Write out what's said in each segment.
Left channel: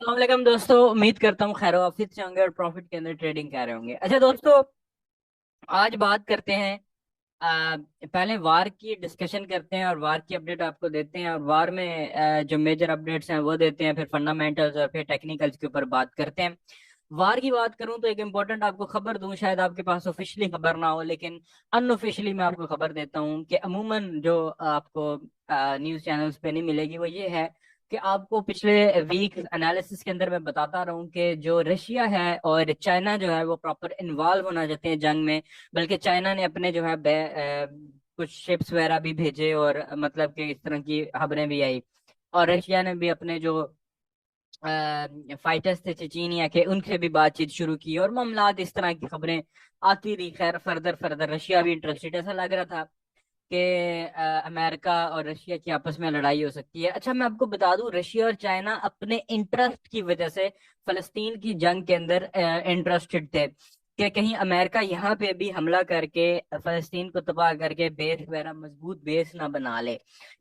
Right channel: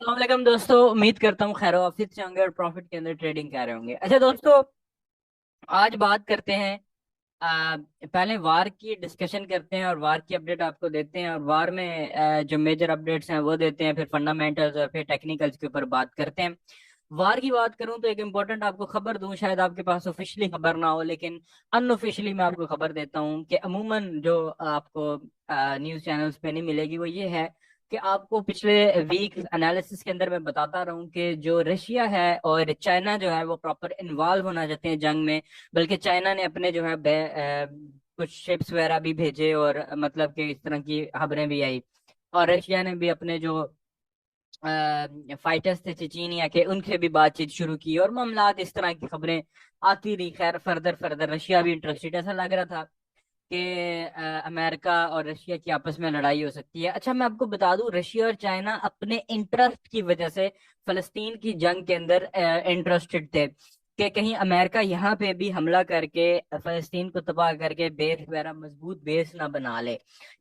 अस्सलाम वालेकुम दोस्तों, उम्मीद करता हूँ खैर ऑफिस से होंगे और प्रॉफिट के अंदर ट्रेडिंग कर रहे होंगे। अच्छा दोस्तों, आज बात करते हैं। पहले वार की डिस्कशन करते हैं और वार की अपडेट आपको देते हैं, और वार में जो मेजर अपडेट्स हैं वो देते हैं, फिर फंडामेंटल्स और फिर टेक्निकल्स के ऊपर बात करते हैं। वार की बात करूं तो एक इम्पोर्टेंट आपको खबर दूं, शायद आपके पास ऑफिशियली खबर ना हो लेकिन अनऑफिशियली मैं आपको खबर देता हूं कि अमूमन जो आपको न्यूज़ चैनल्स पे नहीं मिलेगी, वो ये है कि आपको पिछले वीक एनालिसिस के अंदर मैं बताता रहा हूँ कि जो रशिया है और चाइना जो है वो प्रॉपर इन्वॉल्व होना चाहते हैं जंग में। बल्कि चाइना ने अपने जो है कुछ शिप्स वगैरह भी भेजे, और मतलब कि इस तरह की खबरें भी आई। और रशिया ने भी अपने जो फाइटर्स थे चेचीनिया के, उनसे भी बातचीत शुरू की, और मामलात इस तरह की खबरें आती रही। खैर फर्दर फर्दर रशिया भी इंटरेस्टेड, ऐसा लग रहा था कि अमेरिका और रशिया की आपस में लड़ाई हो सकती है। अच्छा, मैं आपको बता दूं, रशिया और चाइना अपने इंटरेस्ट की वजह से फलस्तीन की जंग के अंदर इंटरेस्टेड थे कि कहीं अमेरिका यहाँ पे भी हमला करके फलस्तीन को तबाह करके बेस वगैरह मजबूत बेस ना बना ले।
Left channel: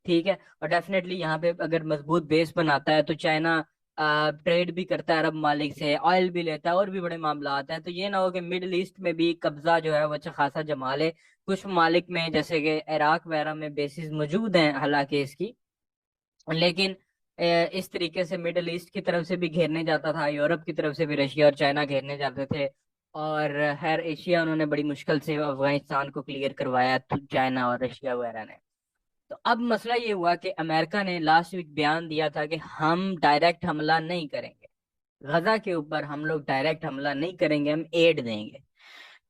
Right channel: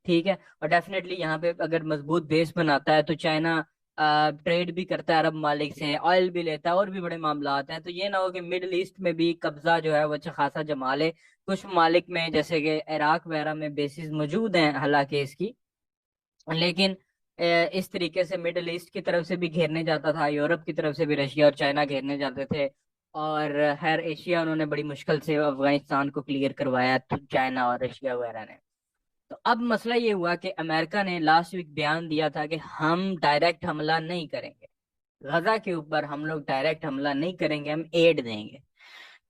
ठीक है। और डेफिनेटली यहाँ पे अगर मजबूत बेस बनाता है तो चाइना ट्रेड भी करता है अरब मालिक से, ऑयल भी लेता है, और भी बड़े मामला आते हैं। तो ये ना हो कि मिडल ईस्ट में भी कब्जा जो है वो अच्छा खासा जमा ले। कुछ मालिक में जैसे कि इराक वगैरह में बेसिस मौजूद हैं हालांकि इसकी, लेकिन इस तरीके से मिडल ईस्ट की तरफ से भी घेरने जाता था, यूरोप की तरफ से भी रशिया और चाइना घेरने जाते थे। और हर एशिया उन्होंने बड़ी मुश्किल से अफगानिस्तान को क्लियर करवाया, तो चाइना और रशिया वगैरह ने। तो अब मसला ये हुआ कि अमेरिका ने लास्ट वीक बयान दिया था कि हम डायरेक्ट हमला नहीं करेंगे, गजा के ऊपर हम लोग डायरेक्ट हमला नहीं करेंगे, हम एड देंगे।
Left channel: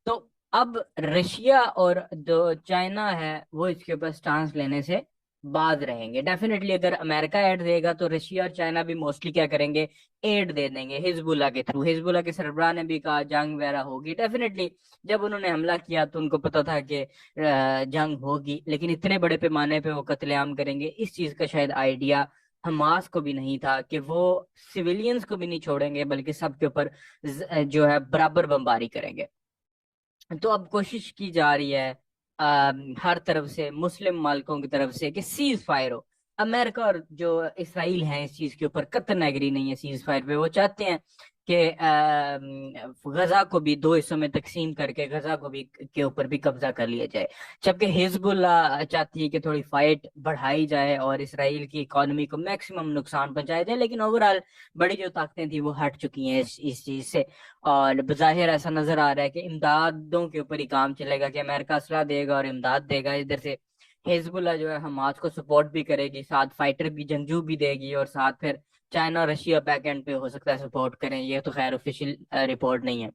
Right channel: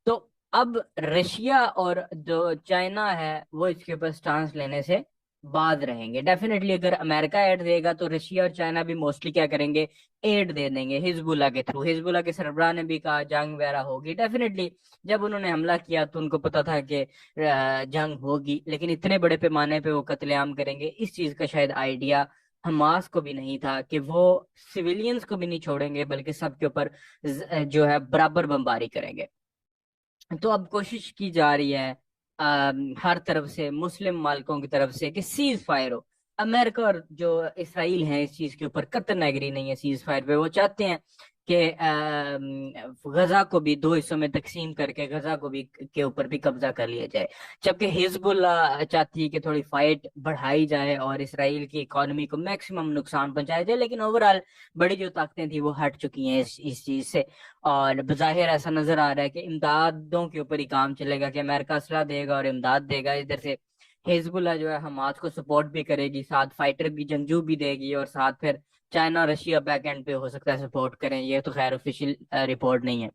तो अब रशिया और जो चाइना है वो इसके ऊपर स्टांस लेने से बाज रहेंगे। डेफिनेटली अगर अमेरिका एड देगा तो रशिया और चाइना भी मोस्टली क्या करेंगे, एड दे देंगे हिजबुल्ला के थ्रू। हिजबुल्ला के सरबराह ने भी कहा जंग वगैरह होगी। डेफिनेटली जब उन्होंने हमला किया तो उनको पता था कि जंग होगी, लेकिन इतने बड़े पैमाने पे वो कत्लेआम करेंगे इस चीज का शायद आइडिया हमास को भी नहीं था, कि वो सिविलियंस को भी नहीं छोड़ेंगे बल्कि सबके ऊपर जो है बराबर बमबारी करेंगे। तो अब कोशिश की जा रही है हर तरफ से, मुस्लिम मालिकों की तरफ से, कि सीज फायर हो। अमेरिका और जो इसराइल हैं इस चीज के ऊपर कतई एग्री नहीं है सीज फायर पे। वो चाहते हैं कि गजा को भी दो हिस्सों में तकसीम करके गजा को भी के ऊपर भी कब्जा कर लिया जाए। जबकि हिजबुल्ला चाहती है कि थोड़ी फाइट बढ़ाई जाए और इसराइल की इकोनॉमी को मैक्सिमम नुकसान पहुंचाया जाए, लेकिन ओवरऑल बड़ी जो ताकतें थी वो हट चुकी हैं इस चीज से। और बज़ाहिर ऐसा नजर आ रहा है कि इमदादों के ऊपर ही काम चलेगा, कि अमेरिका असला देगा और इमदाद देगा इधर से। हिजबुल्ला जो है हमास को सपोर्ट भी करेगी, साथ फाइटर भी जंगजू भी देगी, और साथ फिर चाइना रशिया बैक एंड पे हो सकता है सपोर्ट करें। ये तो खैर ऑफिशियल रिपोर्ट नहीं है।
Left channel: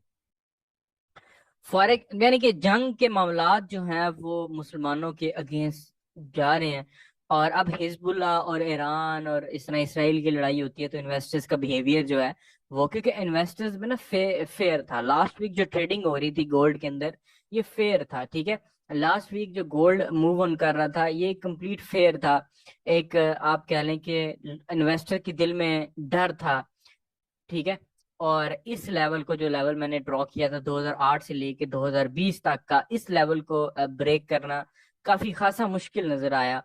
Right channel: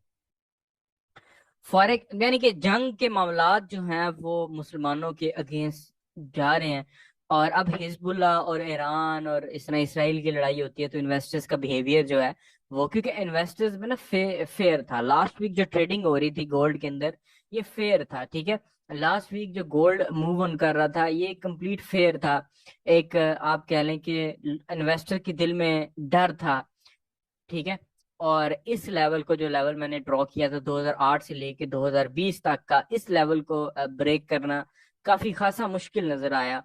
फॉरेक यानी कि जंग के मामलात जो हैं वो मुसलमानों के अगेंस्ट जा रहे हैं। और अब हिजबुल्ला और ईरान और इस तरह इसराइल की लड़ाई होती है तो इन्वेस्टर्स का बिहेवियर जो है वो, क्योंकि इन्वेस्टर्स में ना फेयर था। लास्ट वीक जो ट्रेडिंग हो रही थी गोल्ड के अंदर, ये फेयर था। ठीक है। लास्ट वीक जो गोल्ड मूव ऑन कर रहा था ये कंप्लीट फेयर था। एक आप कह लें कि इन्वेस्टर के दिल में डर था। ठीक है। और इस लेवल को, जो लेवल मैंने ड्रॉ किया था 2008 से लेके 2020 तक का, इस लेवल को ब्रेक करना काफी खासा मुश्किल नजर आया।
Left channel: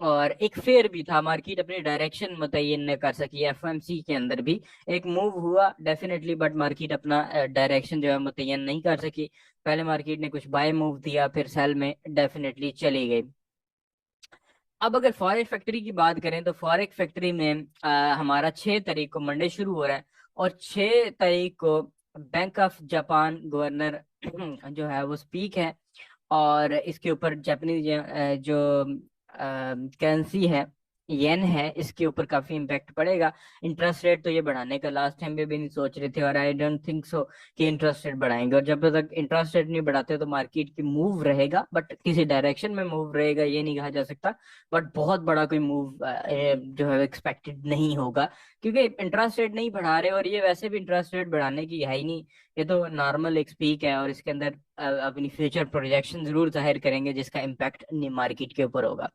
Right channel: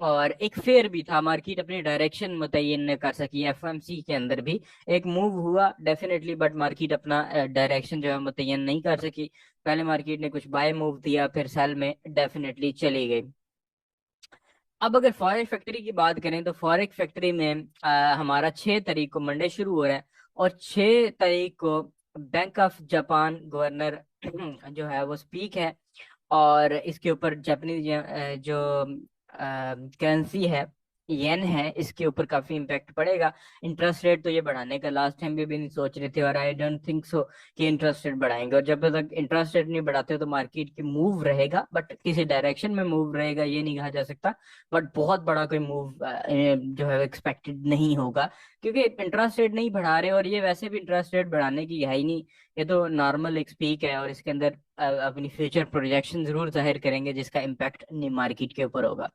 और एक फेयर भी था, मार्केट अपनी डायरेक्शन मुतय्यन न कर सकी। एफएमसी के अंदर भी एक मूव हुआ डेफिनेटली, बट मार्केट अपना डायरेक्शन जो है मुतय्यन नहीं कर सकी। पहले मार्केट ने कुछ बाय मूव दिया, फिर सेल में डेफिनेटली चली गई। अब अगर फॉरेक्स फैक्ट्री की बात करें तो फॉरेक्स फैक्ट्री में हमारा 6 तारीख को मंडे शुरू हो रहा है, और 6 तारीख को बैंक ऑफ जापान गवर्नर जो है वो स्पीक है। और इसके ऊपर जापानीज जो करेंसी है, येन है, इसके ऊपर काफी इम्पैक्ट पड़ेगा। इंटरेस्ट रेट तो ये बढ़ाने का लास्ट टाइम भी नहीं सोच रहे थे, और आई डोंट थिंक सो कि इंटरेस्ट रेट बढ़ाएंगे। और जब तक इंटरेस्ट रेट नहीं बढ़ाते तो मार्केट की मूव रहेगा, बट किसी डायरेक्शन में मूव रहेगा ये नहीं कहा जा सकता। बट बहुत बड़ा कोई मूव जो है एक्सपेक्टेड नहीं होगा, क्योंकि इंटरेस्ट रेट नहीं बढ़ा रहे, और ये वैसे भी इंटरेस्ट रेट बढ़ाने की है ही नहीं। ये तो नॉर्मल एक स्पीक है, और इसके अंदर अपनी फ्यूचर प्रोजेक्शन जरूर जाहिर करेंगे जिसका इम्पैक्ट मार्केट के ऊपर होगा।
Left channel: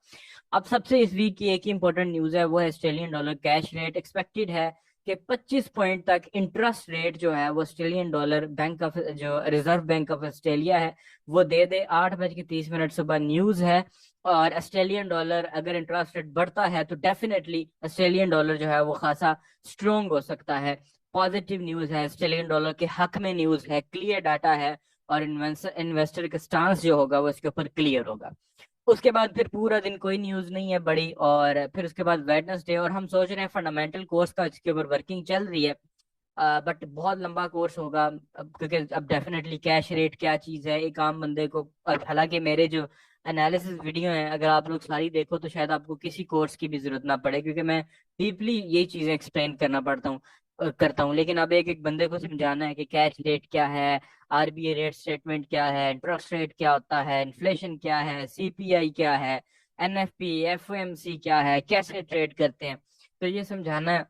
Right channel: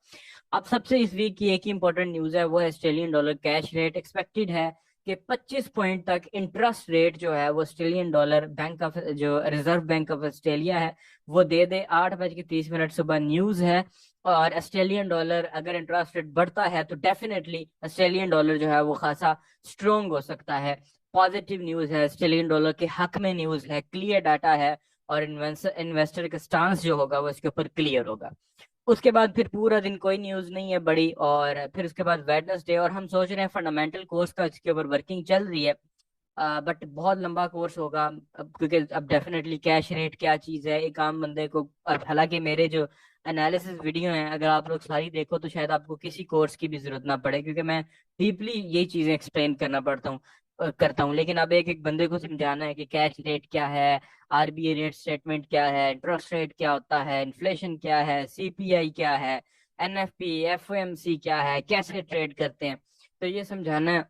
अब सबसे इस वीक की एक ही इंपॉर्टेंट न्यूज है, वो है Australian dollar cash rate. Expected है कि 25 पॉइंट तक इंटरेस्ट रेट जो है वो ऑस्ट्रेलियन डॉलर बैंक ऑफ जो रिजर्व बैंक ऑफ ऑस्ट्रेलिया है वो दे दे। 8:30 सुबह न्यूज है। और ऑस्ट्रेलियन डॉलर अगर इंटरेस्ट रेट बढ़ता है तो डेफिनेटली ऑस्ट्रेलियन डॉलर जो है वो खासा स्ट्रोंग हो सकता है। पॉजिटिव न्यूज है, ऑस्ट्रेलियन डॉलर के हक में न्यूज है, क्लियर डाटा है। और इन्वेस्टर का स्टांस जो होगा वो इसके ऊपर क्लियर होगा। उसके बाद फिर पूरा दिन कोई न्यूज नहीं है बड़ी, और फिर उसके बाद वेडनेसडे, और हम सोच रहे हैं फंडामेंटल कोर्स का इसके ऊपर वर्किंग चल रही है। बट बहुत लंबा कोर्स होगा अब, क्योंकि अब डेफिनेटली कैश रेट क्या चीज़ है एक आम बंदे को। और हालांकि मेरे जो एनालिसिस वीडियो हैं अगर आप लोग सारी देखो तो शायद आपको किसी कोर्स की भी जरूरत ना पड़े, क्योंकि मैं डीपली यही चीज़ें एक्सप्लेन करता हूँ। लेकिन अब एक एक बंदे को समझाना है कि कैश रेट क्या है, आरबीआई रेट स्टेटमेंट क्या है, इंटरेस्ट रेट क्या होता है, इन्फ्लेशन क्या है, सीपीआई क्या है, एनएफपी एफओएमसी क्या है, कैसे ट्रेड करते हैं, तो ये समझाना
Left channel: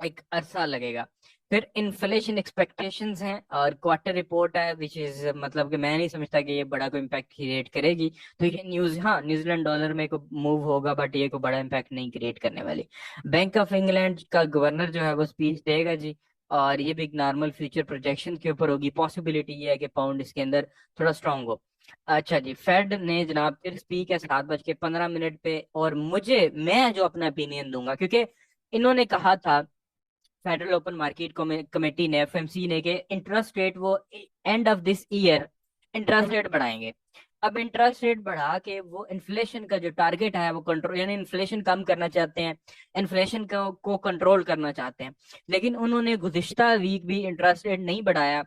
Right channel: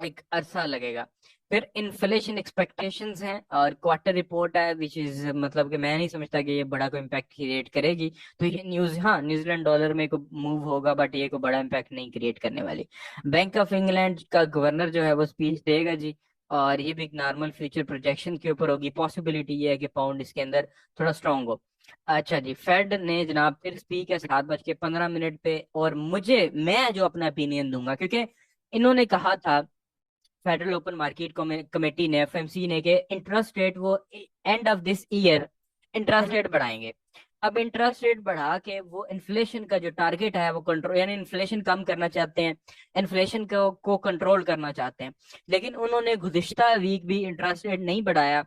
एक अरसा लगेगा। फिर इन्फ्लेशन एक्सपेक्टेशंस हैं और क्वार्टर रिपोर्ट है, विच इज मतलब कि मैं नहीं समझता कि ये बड़ा कोई इम्पैक्ट क्रिएट करेगी। तो ये न्यूज, हाँ न्यूजीलैंड डॉलर में को मूव होगा बट ये को बड़ा इम्पैक्ट नहीं क्रिएट करने वाली। बैंक ऑफ इंग्लैंड का गवर्नर जो है वो स्पीच देगा जी। और ये भी एक नॉर्मल फ्यूचर प्रोजेक्शन के ऊपर होगी। पॉसिबिलिटी ये है कि पाउंड इसके अंदर थोड़ा स्ट्रांग हो। अच्छा जी, फेड ने जनाब फिर स्पीक है 7:15 पे, और मैं जो अपना ओपिनियन दूंगा, क्योंकि इन्होंने कहा था फेडरल ओपन मार्केट कमेटी ने, एफएमसी ने, के इंटरेस्ट रेट वो end of this year interest rate बढ़ाएंगे। अब इंटरेस्ट रेट बढ़ा के वो इन्फ्लेशन का जो टारगेट है वो कंट्रोल, यानी इन्फ्लेशन कम करना चाहते हैं, इन्फ्लेशन को कंट्रोल करना चाहते हैं। लेकिन उन्होंने गुज़िश्ता वीक भी इंटरेस्ट रेट नहीं बढ़ाया।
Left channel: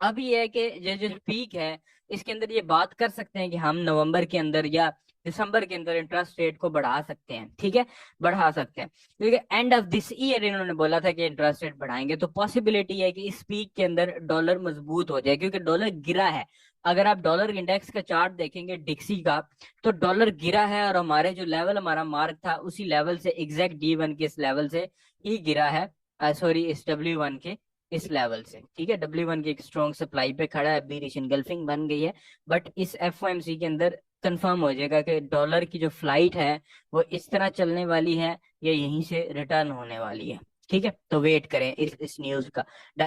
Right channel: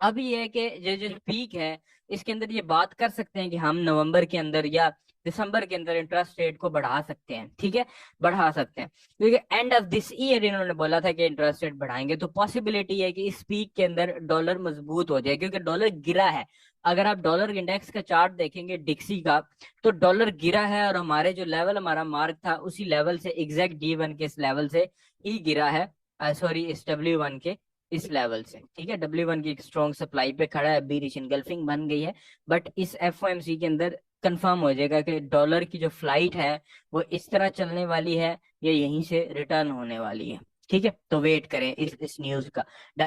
अब ये है कि ये जो पीक है इसके अंदर ये बात कर सकते हैं कि हम नवंबर के अंदर या दिसंबर के अंदर इंटरेस्ट रेट को बढ़ा सकते हैं, ठीक है, बढ़ा सकते हैं, क्योंकि एंड ऑफ दिस ईयर इन्होंने बोला था कि इंटरेस्ट रेट बढ़ाएंगे। तो पॉसिबिलिटी है कि इस पीक के अंदर डॉलर मजबूत हो जाए, क्योंकि डॉलर गिरा है। अगर आप डॉलर इंडेक्स का चार्ट देखेंगे डिक्सी का, तो डॉलर गिरा है और हमारे जो लेवल हमारा मार्क था उसी लेवल से, एग्जैक्ट D1 के इस लेवल से ही गिरा है। सॉरी, इस W1 के इस लेवल से, ठीक है। W1 की एक स्ट्रॉन्ग सप्लाई पे खड़ा है, बीरिश इनगल्फिंग बन गई है। बट इस एफओएमसी के अंदर कंफर्म हो जाएगा कि डॉलर की जो फ्लाइट है वो इस तरह चलने वाली है या यहीं से रिटर्न होने वाली है, ठीक है। तो वेट करें इस न्यूज का।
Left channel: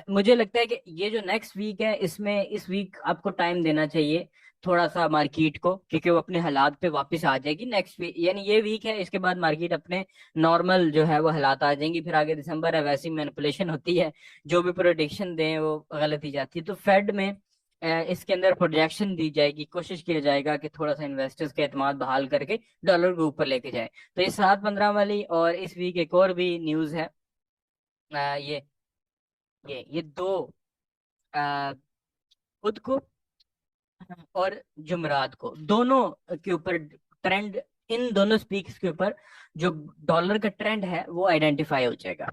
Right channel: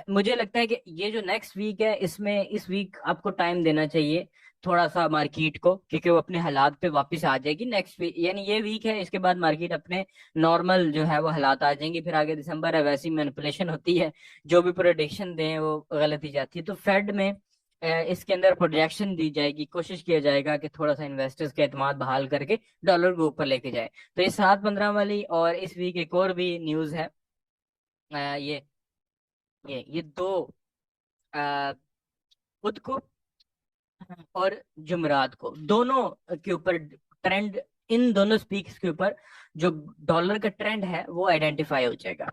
मुझे लगता है कि ये जो नेक्स्ट वीक है इसमें इस वीक आपको टाइम देना चाहिए थोड़ा सा मार्केट को, क्योंकि वो अपने हालात पे वापस आ जाएगी नेक्स्ट वीक, यानी ये वीक है, इसके बाद मार्केट अपने नॉर्मल जो है वो हालात आ जाएंगे। फिर आगे दिसंबर है, वैसी मैनिपुलेशन होती है, जो भी प्रोडिक्शन दें वो गलत ही जाती है। तो फेड में इसके अंदर प्रोजेक्शन दी जाएगी, कोशिश किया जाएगा कि थोड़ा सा इन्वेस्टर्स के एतमाद बहाल करके डॉलर को ऊपर लेके जाए। तो ये 7:15 वाली, और इस वीक एक और भी न्यूज है। अ, ये ये दो, अ, खुद को और जुमरात को, दोनों के ऊपर ट्रेंड, इन दोनों स्पीक्स के ऊपर जो डॉलर का ट्रेंड है वो आइडेंटिफाई हो जाएगा।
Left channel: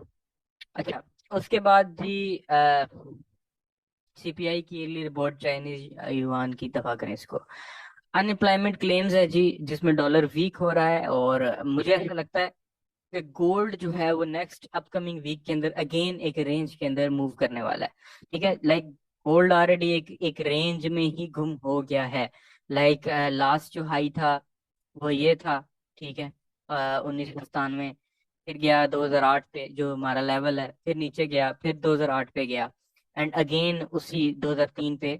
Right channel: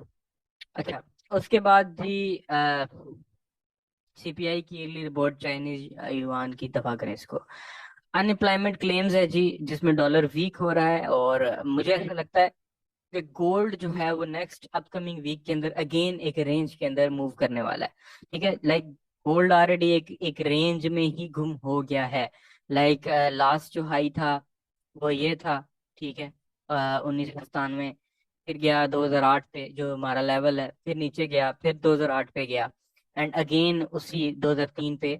अच्छा, उसके बाद जी सीपीआई की ईयरली रिपोर्ट, चाइनीज युआन की, दफा करें इसको। अनएम्प्लॉयमेंट क्लेम्स है जी, जिसमें डॉलर वीक हो रहा है, और मुझे ऐसा लगता है कि गोल्ड जो है वो नेक्स्ट अपकमिंग वीक के अंदर अगेन एक रेंज के अंदर मूव करने वाला है, ठीक है। लाइक गोल्ड ऑलरेडी एक एक रेंज में ही गुम हो गया है। लाइक लास्ट जो हाई था वो ये था, ठीक है, 1997। फिर गया 2008 पे जो हमारा लेवल है, फिर नीचे गया, फिर 2008 पे गया, एंड अगेन उसी 2003 पे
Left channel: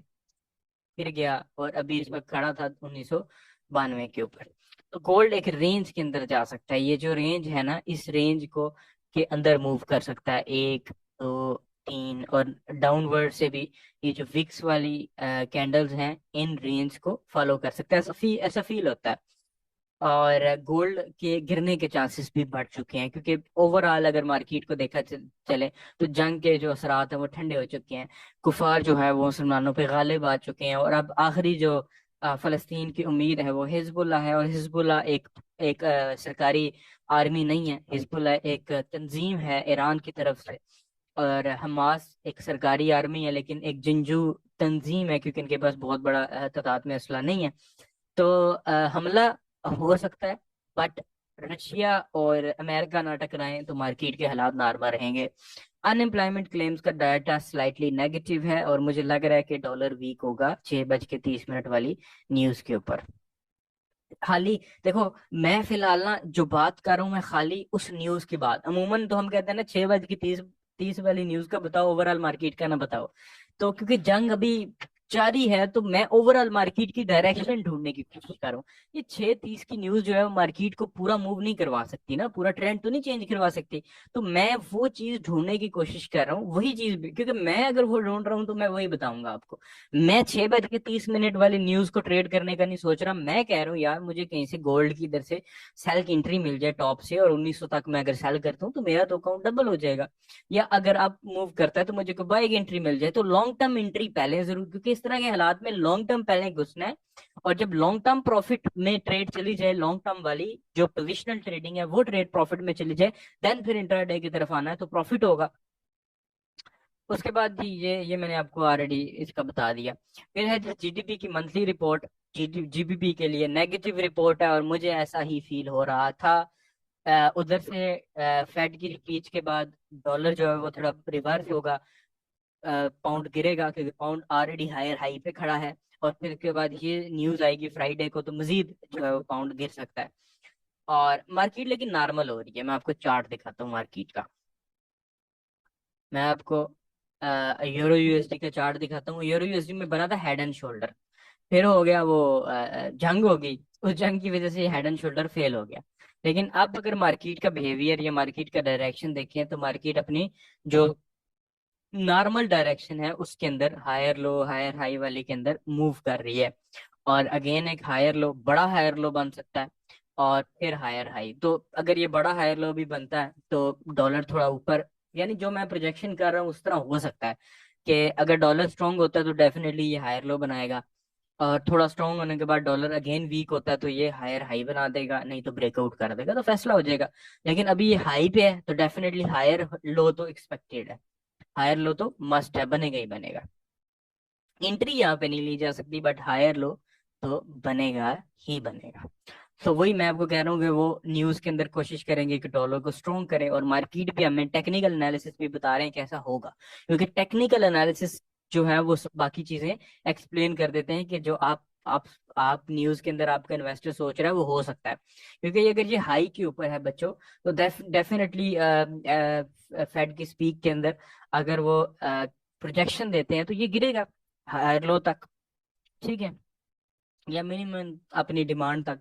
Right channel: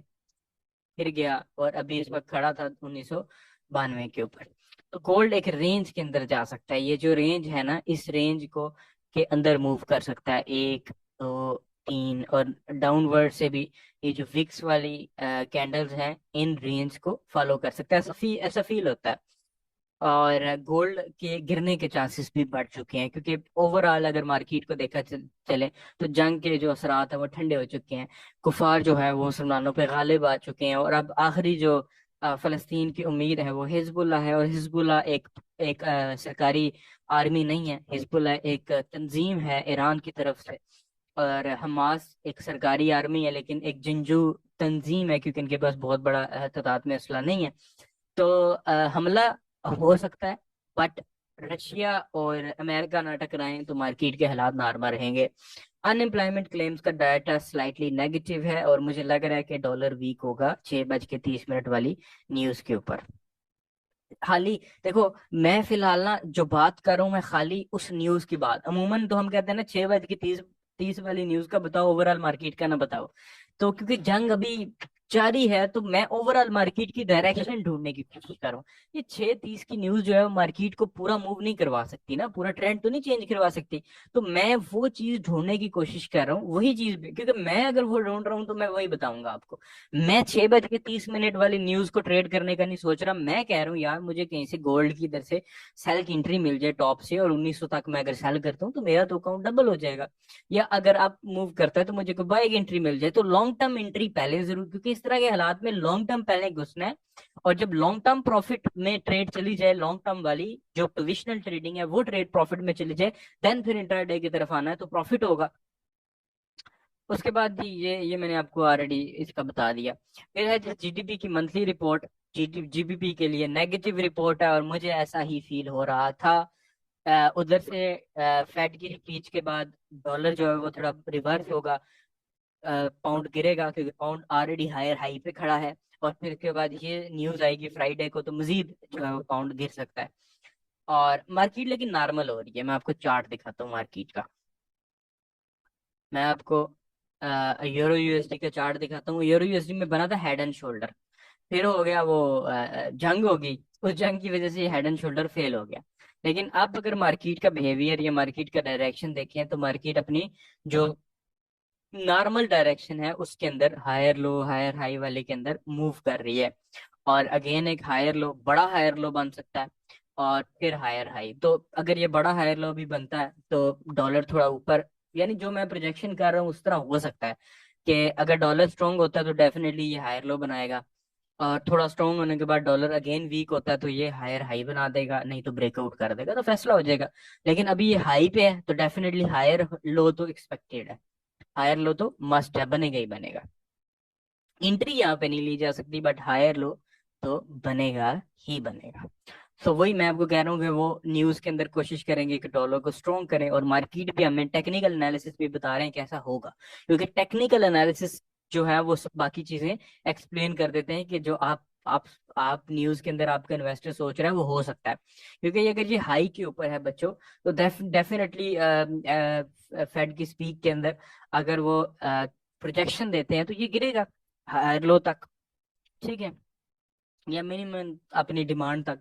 फिर गया, और अभी इस वक्त खड़ा था 1992 के ऊपर। तो गोल्ड एक रेंज के अंदर जा सकता है, ये जो रेंज है ना इस रेंज को के अंदर मूव कर सकता है, 1 2 3, और डाउनवर्ड से भी ये जो विक्स वाली कैंडल्स हैं इन रेंज को फॉलो कर सकता है, ऐसा फील होता है। और गोल्ड के गिरने के चांसेस भी बढ़ चुके हैं, क्योंकि ओवरऑल अगर मार्केट को देखा चले तो जंग के जो असरात हैं वो ठंडे हो चुके हैं। कुफार जो है वो मुसलमानों पे गालिब आ चुके हैं, और अब आखिरी जो फलस्तीन की उम्मीद है वो हिजबुल्लाह है। और हिजबुल्लाह एक एक सरकारी आर्मी नहीं है, हिजबुल्लाह एक तंजीम है ईरान की तरफ से। और हमास एक सरकारी आर्मी है लेकिन एक जिंजू तंजीम है, क्योंकि इनके पास बहुत बड़ा तादाद में असला नहीं है। तो हमला हो सकता है, बट रशिया और अमेरिका ना टकराएं तो मार्केट के हालात नॉर्मल रहेंगे। अनएम्प्लॉयमेंट क्लेम्स का डाटा स्लाइटली नेगेटिव है, और मुझे लग रहा है कि डॉलर वीक होगा 6:30 वाली न्यूज के ऊपर। खाली देखो, मैं फिलहाल ना जो बात कर रहा हूँ, मैं खाली उस न्यूज की बात, अमूमन तो हम कहते हैं ना 6 बज के 30 30 वाली न्यूज का बताओ, ओवरऑल मार्केट का ना बताओ। तो क्योंकि जंग अभी जारी है, तो मैं ओवरऑल मार्केट की डायरेक्शन ढूंढने की कोशिश कर रहा हूँ। ये 6:30 की न्यूज जो है वो मार्केट को पूरा मूव नहीं करवा सकती ना, पूरा ट्रेंड तो नहीं चेंज करवा सकती। तो मैं वो चीज ढूंढने की कोशिश कर रहा हूँ, वही चीज क्योंकि मैं अगर वो ढूंढ रहा हूँ तो मैं वही बताऊंगा आपको। मैं 6 बज के 30 मिनट वाली न्यूज को ट्रेड करने का नहीं सोच रहा। मैं कह रहा हूँ यार, मुझे कहीं से गोल्ड की इधर से सेल की एंट्री मिल जाए टॉप से, और 1900 तक मैं अगर सेल करता हूँ तो मेरा तो अकाउंट डबल हो जाएगा। या अगर आप मूव करता है तो मुझे को बाय की एंट्री मिल जाए, तो लॉन्ग टर्म एंट्री पहले जरूर, क्योंकि इस तरह के हालात में लॉन्ग टर्म पहले घुसना है। और जब लॉन्ग टर्म प्रॉफिट में ट्रेड चली जाए, लॉन्ग टर्म वाली जो पोजिशनल ट्रेडिंग है वो ट्रेड प्रॉफिट में चली जाए, देन फिर इंटरडे की तरफ आना है तो प्रॉफिट होगा। उसके बाद जी, ये मैंने आपको ऑलरेडी इसका बता दिया। फिर है जीडीपी की मंथली रिपोर्ट। जीडीपी के लिए नेगेटिव रिपोर्ट है, और मुझे ऐसा ही फील हो रहा था। उधर से फेड की स्पीच के बाद डॉलर जो है वो थोड़ा रिवर्स होगा, पाउंड गिरेगा, क्योंकि पाउंड ऑलरेडी हायर हाई पे खड़ा है। और फिर उसके बाद ये न्यूज आएगी फ्राइडे को, तो मजीद जो है वो पाउंड गिर सकता है। और मार्केट लेकिन नॉर्मल हो रही है। मैं आपको चार्ट दिखाता हूँ मार्केट का। मैं आपको यूरो यूएसडी का चार्ट दिखाता हूँ। यूरो यूएसडी में बना था हेड एंड शोल्डर, फिर हो गया वो जंग हो गई, उस जंग की वजह से हेड एंड शोल्डर फेल हो गया। लेकिन अब अगर मार्केट का बिहेवियर या मार्केट का डायरेक्शन देखें, तो मार्केट अपनी जो नॉर्मल डायरेक्शन है उसके अंदर हायर लो हायर हाई वाले के अंदर मूव कर रही है। और अगेन एक हायर लो, बड़ा हायर लो बन सकता है, और फिर हायर हाई। तो अगर ये बड़ा हायर लो भी बनता है तो डॉलर थोड़ा ऊपर, यानी जो मैं प्रोजेक्शन कर रहा हूँ उस तरह हो सकता है कि अगर डॉलर स्ट्रांग होता है तो डेफिनेटली ये हायर लो बनाएगा, और थोड़ा स्ट्रांग होने के बाद डॉलर अगेन वीक होता है तो ये हायर हाई बना देगा, नहीं तो ब्रेकआउट कर देगा, तो फैसला हो जाएगा। लेकिन अभी ये हाई पे है तो डेफिनेटली हायर लो तो एक्सपेक्टेड है, हायर लो तो मस्ट है, बनेगा ही बनेगा। एंट्री यहाँ पे नहीं ली जा सकती, बट हायर लो तो बनेगा ही बनेगा। तो वही मैं आपको कह रहा हूँ कि वो न्यूज के अंदर कोशिश करेंगे कि डॉलर को स्ट्रॉन्ग करें, और मार्केट भी हमें टेक्निकल एनालिसिस भी बता रहे हैं कैसा होगा, क्योंकि टेक्निकल एनालिसिस जो है वो बाकी चीजें एक्सप्लेन कर देते हैं कि जो आप न्यूज के अंदर आपका इन्वेस्टर सोच रहा है वो हो सकता है। क्योंकि ये अगर ये हाई के ऊपर है बच्चों, तो डेफिनेटली फेड की स्पीक के अंदर अगर वो प्रोजेक्शन देते हैं तो ये गिरेगा हायर लो तक, ठीक है, या मिनिमम अपनी डिमांड तक।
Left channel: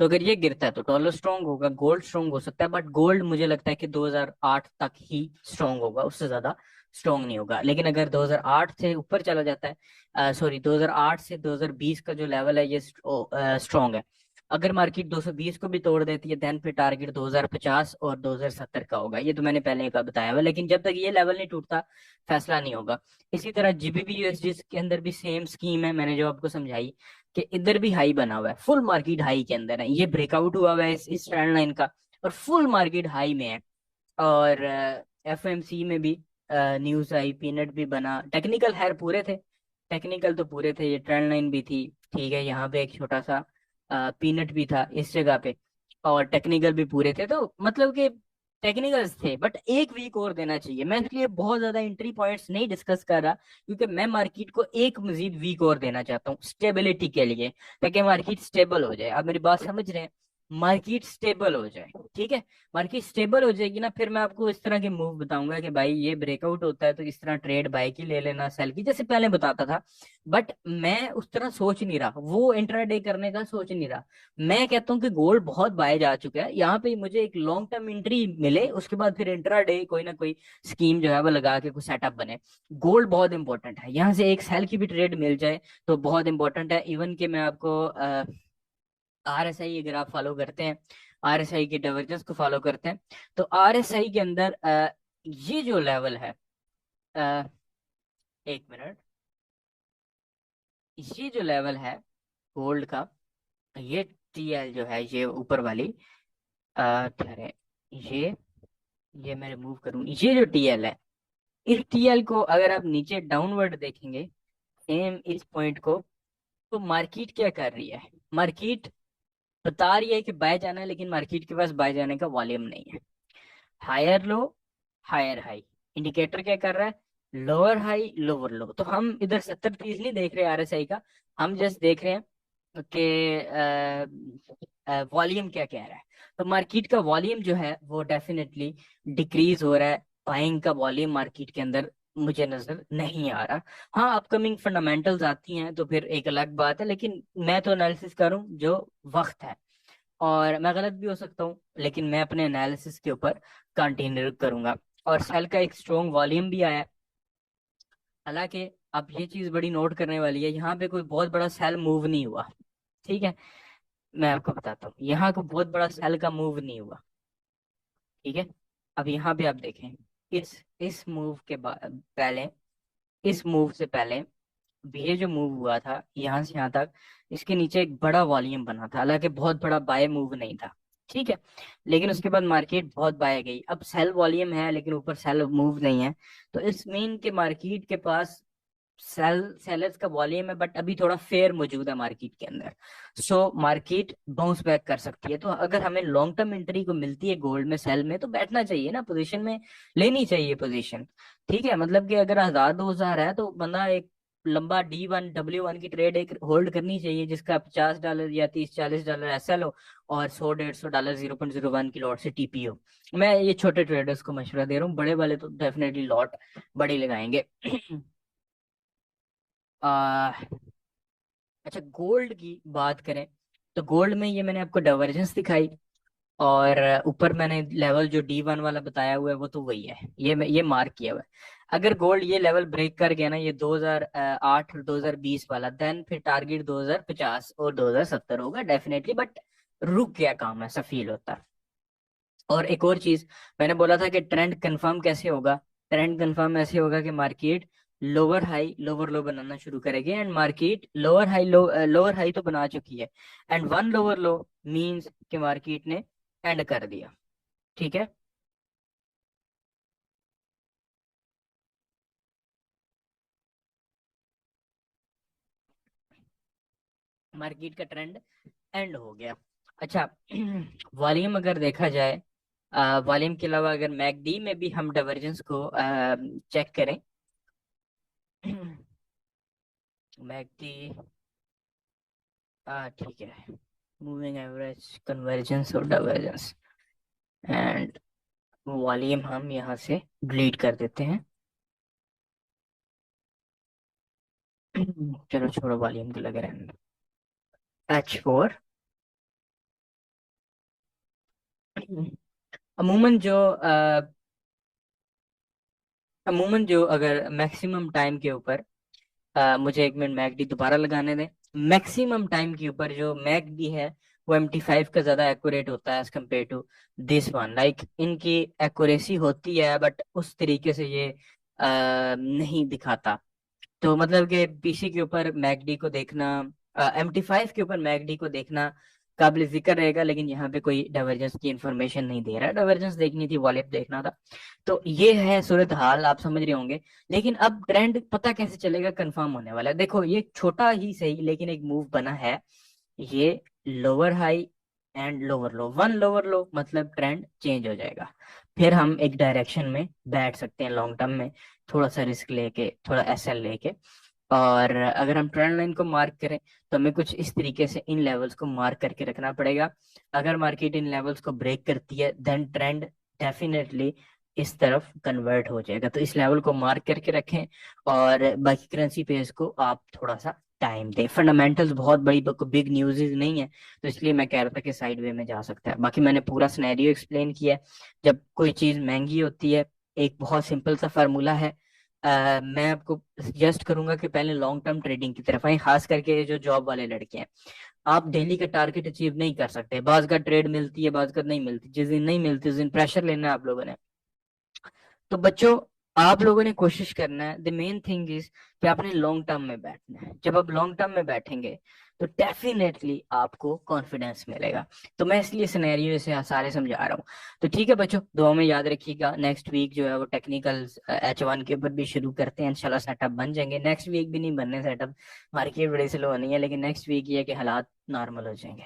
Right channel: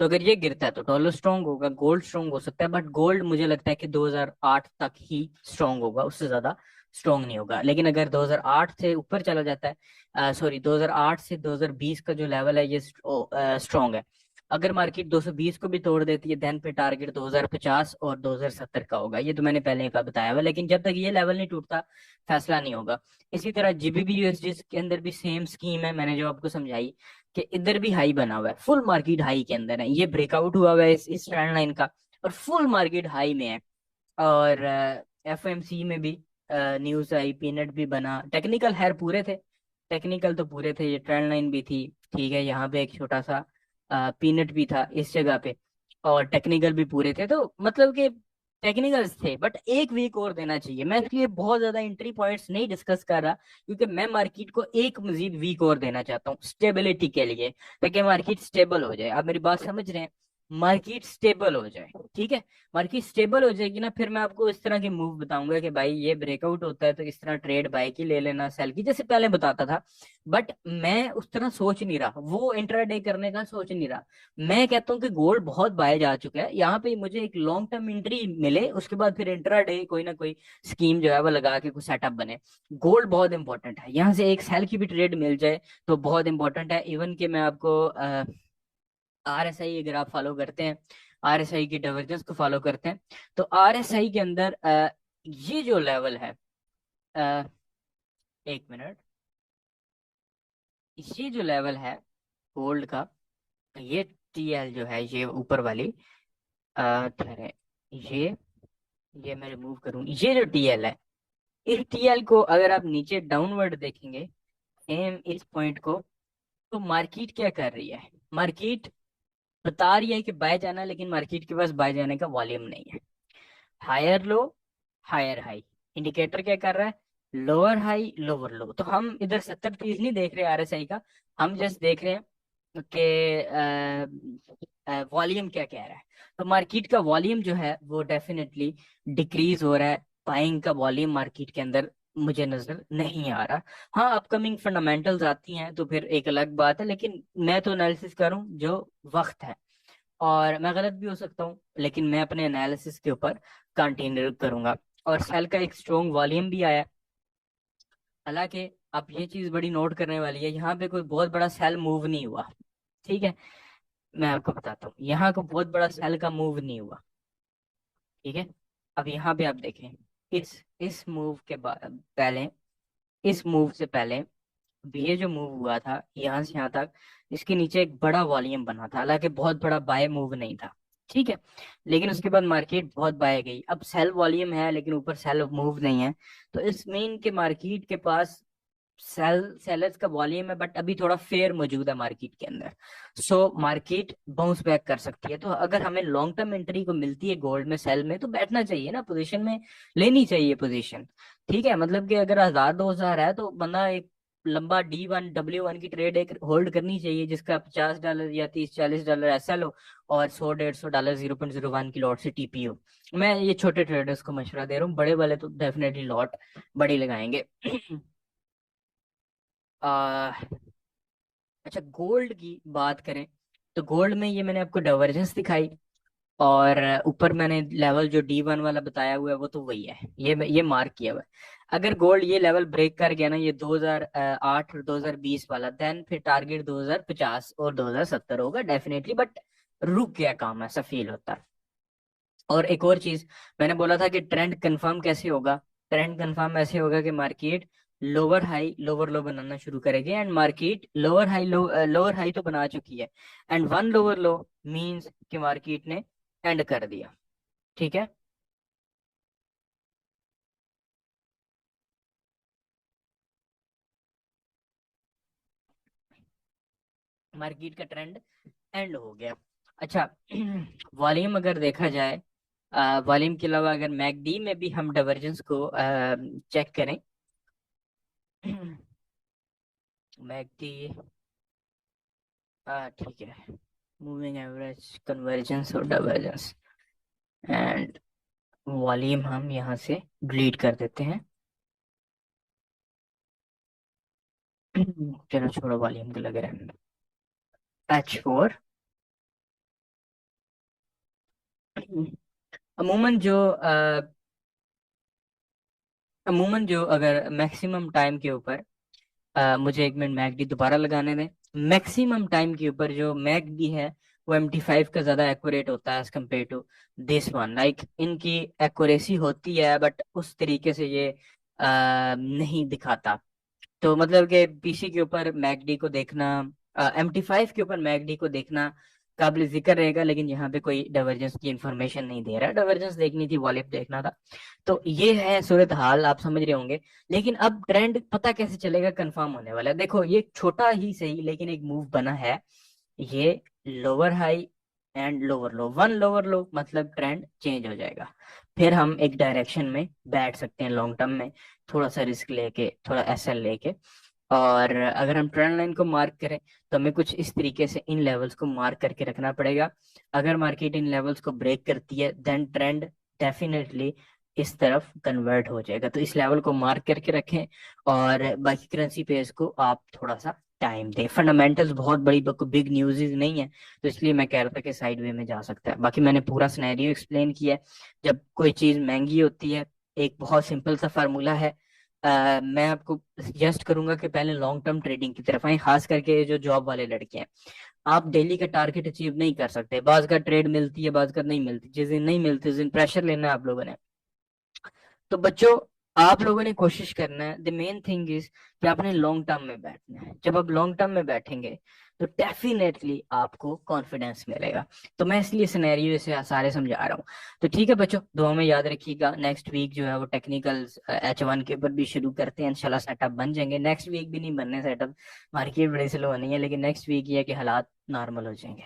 तो अगर ये गिरता है तो डॉलर स्ट्रांग होगा, गोल्ड स्ट्रांग हो सकता है, बट गोल्ड मुझे लगता है कि 2008 तक ही स्ट्रांग होगा, उससे ज्यादा स्ट्रांग नहीं होगा। लेकिन अगर 2008 से ऊपर चला जाता है, सॉरी 2008 से 2020 का जो लेवल है ये स्ट्रांग है। अगर मार्केट 220 को भी तोड़ देती है, देन पे टारगेट 2050 और 2070 का होगा। ये तो मैंने पहले का बताया हुआ, लेकिन जब तक ये लेवल नहीं टूटता फैसला नहीं होगा। इसी तरह जीबीपी यूएसडी के अंदर भी सेम स्कीम है, मैंने जो आपको समझाई कि इधर भी हाई बना हुआ है, फुल मार्केट हाई के अंदर है, ये ब्रेकआउट हुआ हुआ है इस ट्रेंड लाइन का, और फुल मार्केट हाई में है। और एफएमसी में भी न्यूज आई, पीनट भी बना, टेक्निकल खैर पूरे थे, टेक्निकल तो पूरे थे, ये ट्रेंड लाइन भी थी, ठीक है, यहाँ पे एक छोटा सा पीनट भी था इस जगह पे, और टेक्निकल भी पूरे थे, तो मतलब कि टेक्निकल्स थे, बट एक वीक और देना चाहिए। मैं इसलिए बहुत ज्यादा एंट्री पॉइंट्स नहीं डिस्कस कर रहा, क्योंकि मैं मार्केट को एक मजीद वीक और देना चाहता हूँ स्टेबिलिटी के लिए, ताकि मार्केट स्टेबल हो जाए। आप मेरी बात समझ रहे हैं, मार्केट स्टेबल हो जाए, ठीक है। मार्केट स्टेबल हो जाएगी ना, फिर मैं आपको इस तरह के मूव बताऊंगा कि भाई ये ब्रेकआउट होता है तो इस तरह ट्रेड बाय की ले लेना, सेल की, जैसे पहले बताता था। बट मैं उस तरह सोच नहीं रहा, वो इंट्राडे करने का सोच नहीं रहा। मैं कहता हूँ कि गोल्ड बहुत बाय जा चुका है, यहाँ पे मुझे एक लॉन्ग टर्म एंट्री मिले, उसके बाद फिर इंट्राडे कोई ना कोई स्कीम जो है वो लगा के कुछ सेटअप बने। गोल्ड बहुत इंपॉर्टेंट है, यहाँ से एक सेल की भी ट्रेड मिल जाए तो बहुत इंपॉर्टेंट है। इवन कि मैं आपको आरएसआई अगर आप फॉलो करते हैं, आरएसआई की डाइवर्जेंस को फॉलो करते हैं, तो आरएसआई के अंदर ये जो लेवल है, अ, एक मिनट, ये जो लेवल है गोल्ड का, ये टीएल जो है ये ऊपर वाली, ठहरे, ये ये मैं रिमूव करूँ, ये जो टीएल है, इस टीएल को अगर आप नीचे डाउनवर्ड देखेंगे सेम इस पॉइंट को, तो मार्केट क्या कर रही है, मार्केट बता रही है कि बाय जाना है, लेकिन मार्केट के पास बाय जाने का वॉल्यूम नहीं है। Higher low higher high, indicator क्या कर रहा है, लोअर हाई लोअर लो। तो हम इधर 70-30 नहीं देख रहे आरएसआई का, हम जस्ट देख रहे हैं कि वॉल्यूम क्या कह रहा है। तो मार्केट का वॉल्यूम जो है वो डेफिनेटली डिक्रीज हो रहा है। बाइंग का वॉल्यूम मार्केट के अंदर मुझे नजर नहीं आ रहा। हाँ, अपकमिंग फंडामेंटल्स आती हैं तो फिर एक अलग बात है, लेकिन मैं तो एनालिसिस करूं जो वक्त है। और मैं गलत भी हो सकता हूँ, लेकिन मैं अपने एनालिसिस के ऊपर कंटिन्यू करूंगा। और सेल का एक स्ट्रॉन्ग वॉल्यूम भी आया। हालांकि अब ये चीज बड़ी नोट करने वाली है, यहाँ पे कोई बहुत बड़ा सेल मूव नहीं हुआ। ठीक है, मैं आपको बताता हूँ, यहाँ को बहुत बड़ा सेल का मूव नहीं हुआ। ठीक है, अब यहाँ पे आप देखें, इस मूव के बाद पहले, इस मूव से पहले अब ये जो मूव हुआ था यहाँ से यहाँ तक, इसके नीचे एक बड़ा वॉल्यूम बना था, हालांकि बहुत बड़ा बाय मूव नहीं था। ठीक है, लेकिन उसके बाद मार्केट बहुत बाय गई। अब सेल वॉल्यूम है लेकिन ऊपर सेल मूव नहीं है। तो इस मीन के मार्केट के पास सेलर्स का वॉल्यूम है, बट अभी थोड़ा फेयर मौजूद है मार्केट के अंदर। सो मार्केट बाउंस बैक कर सकती है। तो अगर हमें लॉन्ग टर्म एंट्री को मिलती है गोल्ड में, सेल में, तो बैठना चाहिए ना, पोजीशन में लेनी चाहिए पोजीशन। ठीक है, मतलब कि अगर 1000 2000 है तो बंदा एक लंबा D1 W1 की ट्रेड एक होल्ड करनी चाहिए, जिसका $50 या 30 40 डॉलर एसएल हो, और 100 150 डॉलर 0.01 की लॉट से टीपी हो। मैं ये छोटे ट्रेडर्स को मशवरा दे रहा हूँ, बड़े वाले तो डेफिनेटली लॉट बड़ी लगाएंगे। आ, अच्छा, गोल्ड की बात करें तो गोल्ड में ये मैंने आपको डाइवर्जेंस दिखाई, और ऊपर मैंने लेवल जो D1 वाला बताया हुआ है वो तो वही है, ये मार्क किया हुआ है। अगर गोल्ड ये लेवल ब्रेक कर गया ना, ये 2008 और 2020 वाला, देन फिर टारगेट 2050 और 2070 होगा डेफिनेटली। बट रुक गया काम, ऐसा फील होता है। और एक और चीज, मैंने बोला था कि ट्रेंड कंफर्म कैसे होगा। ट्रेंड कंफर्म ऐसे होगा कि market lower high lower low बनाना शुरू करेगी, एंड मार्केट लोअर हाई तो बना चुकी है, and one lower low means कि मार्केट ने एंड कर दिया। ठीक है, मार्केट का ट्रेंड एंड हो गया। अच्छा, वॉल्यूम अगर देखा जाए, वॉल्यूम के अलावा अगर मैकडी में भी हम डाइवर्जेंस को चेक करें, मैकडी, ठीक है, मूविंग एवरेज, कन्वर्जेंस और डाइवर्जेंस, एंड वॉल्यूम हम यहाँ से डिलीट कर देते हैं। चलो छोड़ो, वॉल्यूम के लगे रहने। H4, अमूमन जो अगर मैक्सिमम टाइम के ऊपर, मुझे एक मिनट मैकडी दोबारा लगाने दें। मैक्सिमम टाइम के ऊपर जो मैकडी है वो MT5 का ज्यादा एक्यूरेट होता है as compare to this one. Like इनकी एक्यूरेसी होती है बट उस तरीके से ये नहीं दिखाता। तो मतलब कि पीसी के ऊपर मैकडी को देखना, MT5 के ऊपर मैकडी को देखना काबिल जिक्र रहेगा, लेकिन यहाँ पे कोई डाइवर्जेंस की इंफॉर्मेशन नहीं दे रहा। डाइवर्जेंस देखनी थी, वॉल्यूम देखना था। तो ये है सूरत हाल, आप समझ रहे होंगे। लेकिन अब ट्रेंड पता कैसे चलेगा, कंफर्म होने वाला है। देखो, ये छोटा ही सही लेकिन एक मूव बना है। ये lower high and lower low, one lower लो, मतलब ट्रेंड चेंज हो जाएगा। फिर हम एक डायरेक्शन में बैठ सकते हैं लॉन्ग टर्म में, थोड़ा सा रिस्क लेके, थोड़ा एसएल लेके। और अगर हम ट्रेंड लाइन को मार्क करें तो हमें कुछ इस तरीके से इन लेवल्स को मार्क करके रखना पड़ेगा। अगर मार्केट इन लेवल्स को ब्रेक करती है देन ट्रेंड डेफिनेटली इस तरफ कन्वर्ट हो जाएगा। तो इस लेवल को मार्क करके रखें, और बाकी करेंसी पेज को आप थोड़ा सा टाइम दें। फंडामेंटल्स बहुत बड़ी बिग न्यूज़ नहीं है, तो इसलिए मैं कह रहा था कि साइड वे में जा सकता है। बाकी मैंने पूरा सिनेरियो एक्सप्लेन किया है। जब कोई चीज़ महंगी होती है, एक बहुत सिंपल सा फार्मूला है। मैं आपको सजेस्ट करूंगा कि पहले लॉन्ग टर्म ट्रेडिंग की तरफ आए, खास करके ये जो जॉब वाले लड़के हैं। आप डेली का टारगेट अचीव नहीं कर सकते, बाज का ट्रेड मिलती है, बाज का नहीं मिलती। जिस दिन नहीं मिलती उस दिन प्रेशर लेना है आप लोगों ने। तो बच्चों, आप लोगों ने कोशिश करना है, द मेन थिंग इज कि आपने लॉन्ग टर्म में बैठना है। जब आप लॉन्ग टर्म में बैठेंगे तो डेफिनेटली आपको कॉन्फिडेंस मिलेगा। तो मैं इसलिए सिनेरियो से सारे समझा रहा हूँ। तो ठीक है बच्चों, दुआ में याद रखिएगा। नेक्स्ट वीक जो है वो टेक्निकल H1 के ऊपर भी शुरू करते हैं, इंशाल्लाह सेटअप बन जाएंगे। नेक्स्ट वीक भी नहीं बनने सेटअप, मार्केट बड़ी स्लो होनी है, लेकिन नेक्स्ट वीक ये है कि हालात नॉर्मल हो जाएंगे।